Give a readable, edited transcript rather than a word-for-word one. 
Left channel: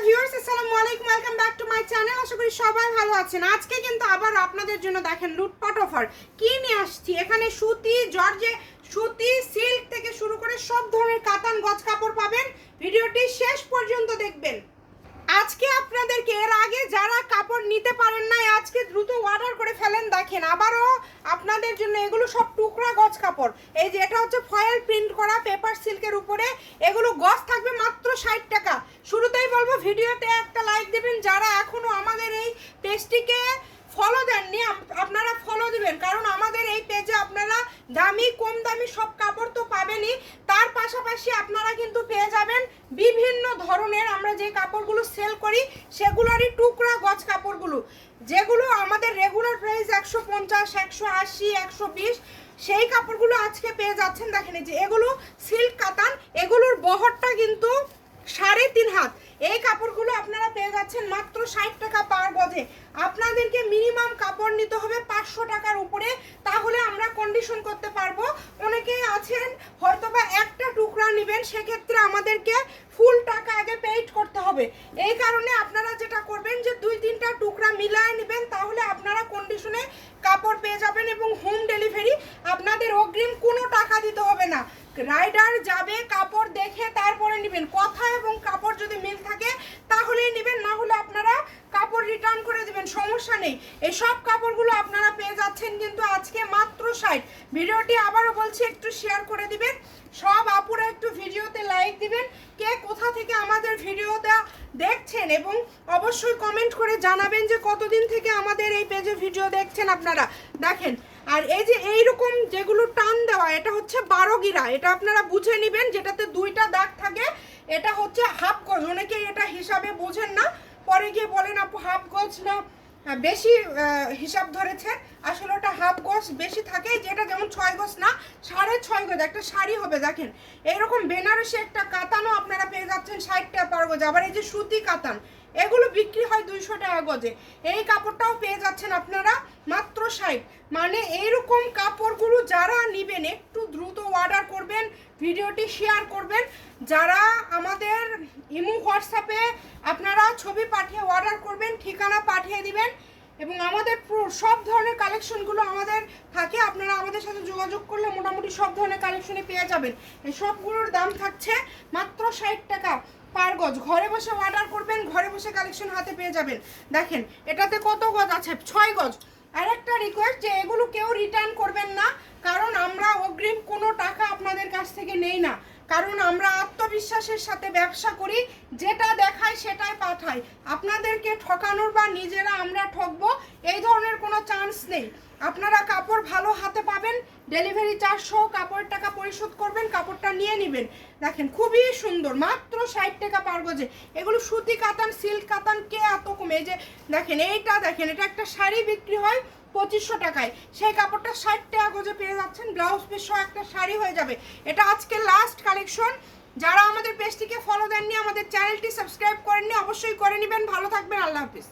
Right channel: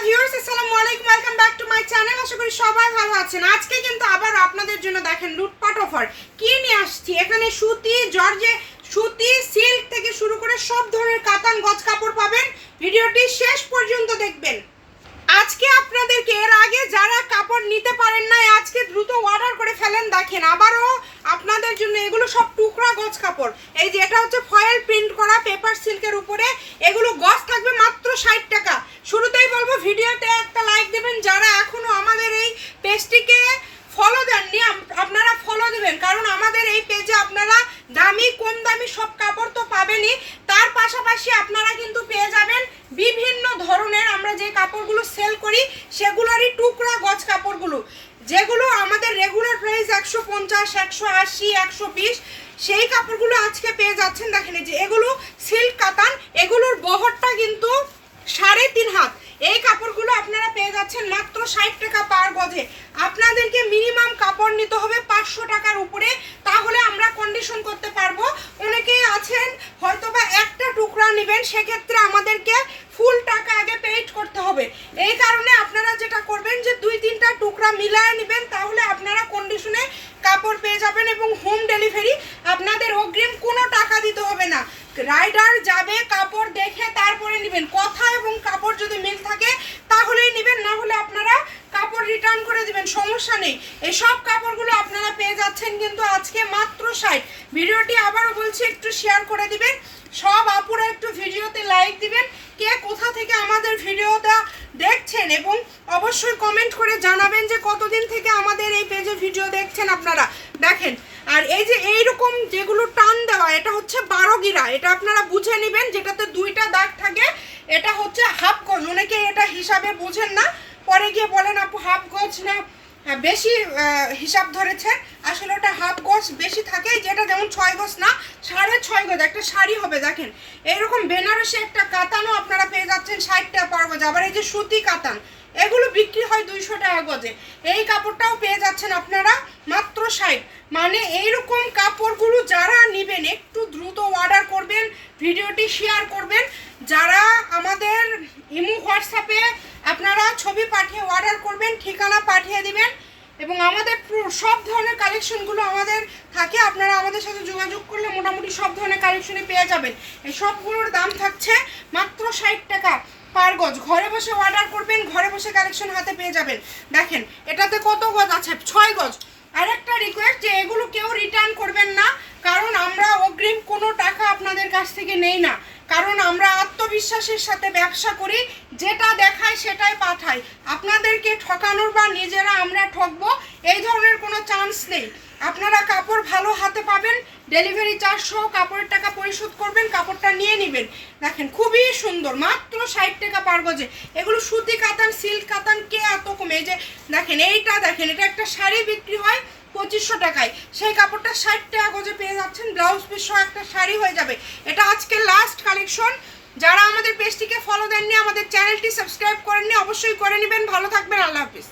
Hello viewers, আসসালামু আলাইকুম, welcome back to my channel. আশা করি সবাই ভালো আছেন। আজকে কিন্তু আবার আপনাদের জন্য দেখেন লুটপাট অফার কি নিয়ে আসছি। এখানে সুতি, জর্জে, সুতি, সিল্ক থেকে শুরু করে সব ধরনের কাতান গজ কাপড় পাবেন। ভিডিওটি শেষ পর্যন্ত দেখবেন। আজকে আপনাদেরকে এর আগে যারা কাপড় নিতে পারেন না, আজকে দ্রুত অর্ডার করে ফেলেন। দেখেন আবারও আপনাদের জন্য এগুলো সব টুকরা গজ কাপড়। এই যে এটা হচ্ছে ফয়েল প্রিন্ট করা পেপার সিল্কের উপরে, এগুলো গজ থাকবে মাত্র 60 টাকা। শুরুতেই বলবো ভিডিওতে একটা লাইক দেবেন। যারা এখনো আমাদের এই পেজটিকে ফলো দেননি, আপনারা ফলো দিবেন, কারণ আমাদের এই পেজে আপনারা দামি কম দামি সব কাপড় তো পাবেনই, তার পাশাপাশি আপনারা কিন্তু পেয়ে যাবেন বিভিন্ন ধরনের আমরা যে কাপড়গুলো সেল করি সেগুলোরই টুকরা গজ কাপড়গুলো, যেগুলো আমাদের রেগুলার প্রাইস 150, 180, 120, সেই কাপড়গুলো আজকে পেয়ে যাচ্ছেন। দেখেন এই যে এগুলো সিল্ক কাতান, এগুলোর বহরটা কিন্তু 3.5 হাত। এই কাপড়গুলো আপনারা পেয়ে যাচ্ছেন মাত্র 60 টাকা পার গজে। আপনাদেরকে মিনিমাম কাপড় নিতে হবে 500 টাকার উপরে, তাহলে আমরা কন্ডিশন করতে পারবো। অনেকেই আছেন হয়তোবা একটা টুকরা নেবেন, সেক্ষেত্রে আমাদেরকে ফুল টাকা আগে পেইড করতে হবে। এই কারণে আপনারা যেটা করবেন যে 2-3টা টুকরা মিলায় নেবেন, তাহলে আপনারা কন্ডিশনে কাপড় পেয়ে যাবেন এবং হোম ডেলিভারি। আপনাদের অগ্রিম কোনো টাকা দিতে হবে না। রাইডার যাবে, কাপড় দেখে তারপরে নেবেন। কথা এবং কাপড় যদি মিল থাকে তাহলেই নেবেন, না হলে আপনারা কাপড় রিটার্ন করে দিবেন, সমস্যা নেই। এই সব কাপড়গুলো আপনারা পেয়ে যাচ্ছেন কিন্তু আজকে মাত্র 60। ভিডিওটি আবারও বলছি একটু শেয়ার করে দিবেন, সব আপুরা একটু ভিডিওতে লাইক দিবেন। কে কোথা থেকে আমাদের ভিডিওটা দেখছেন এবং অবশ্যই কমেন্ট করে জানাবেন যে কতদিন থেকে আমাদের এই পেজে ভিডিও দেখছেন আপনারা। দেখেন আর এই যে এইরকম যেগুলো টান দেওয়া, এটা হচ্ছে 12 গিরা, এটা আপনারা বুঝে নেবেন, যেটাতে 2টা দাগ থাকে। এটা হচ্ছে হাফ গজ, অনেকে এটা হিসাবে বোঝেন না, পরে গিয়ে বলেন আপু হাফ গজ না বেশি হিসাব ধরেছেন। আসলে ওটা হাফ গজ বেশি থাকে, যেটা যেমন 6 গজ না 6.5 গজ একটা শাড়ি হবে। দেখেন এইরকম বেনারসি একটা কাতানও আপনারা পেয়ে যাচ্ছেন 60 টাকা পার গজ। আবার এই যে সুতি কাতান, এগুলো বিক্রি হয় 200 টাকা গজে, এই কাপড়টাও পেয়ে যাচ্ছেন আপনারা মাত্র 60। মানে এইরকম কাপড়গুলো যারা নেবেন একটু দ্রুত অর্ডার করবেন, ভিডিওটি শেয়ার করবেন। যারা আমাদের ইমো হোয়াটসঅ্যাপে আপনারা ছবি পাঠিয়ে অর্ডার করবেন, ঠিকানা পাঠিয়ে দিবেন এবং আমাদের সব ধরনের কালেকশনগুলো আমাদের থাকে। আপনারা আমাদের সাথে যোগাযোগ করলে মোটামুটি সব ধরনের কালেকশনে পেয়ে যাবেন। এই সবগুলোর দাম থাকছে মাত্র 60 টাকা পার গজ। ঘরে বসে অর্ডার করবেন, ঘরে বসে কালেকশন হাতে পেয়ে যাবেন। দেখেন এটাতে কত গজ আছে, 6 গজ। আর একটা রিকোয়েস্ট যে এগুলো কেউ রিটার্ন করবেন না, কারণ আমরা অগ্রিম কোনো টাকা আপনাদের কাছ থেকে নেই না, কারণ আমরা আত্মবিশ্বাসের সাথে ব্যবসা করি, যেটা দেখায় সেটাই পাঠাই। আপনাদেরকে ঠকানোর বা নিজেরা আমরা ঠকবো এই ধরনের কোনো চান্স নেই। আপনারা কাপড় ভালো হাতে পাবেন, ডেলিভারি চার্জ সহ কাপড়ের টাকা পরিশোধ করবেন, কাপড়টা নিয়ে নেবেন। দেখেন খুবই সুন্দর, মাত্র 60 টাকা পার গজে। এগুলো সুতি কাতান, সিল্ক কাতান, কে এত কমে? এই যে দেখেন এইটা, দেখেন এটা একটা শাড়ি বিক্রি হয় 2500 টাকায়, সেই কাপড়টা 60 টাকা গজে পেয়ে যাচ্ছেন। ব্লাউজ পিস সহ একটা শাড়ি হয়ে যাবে। এটা আজকে লাস্ট কালেকশন। যারা আমাদের পেজটিকে ফলো দেননি, আমাদের চ্যানেলটি সাবস্ক্রাইব করেননি, অবশ্যই করে নেবেন। ভালো থাকবেন, আল্লাহ হাফিজ।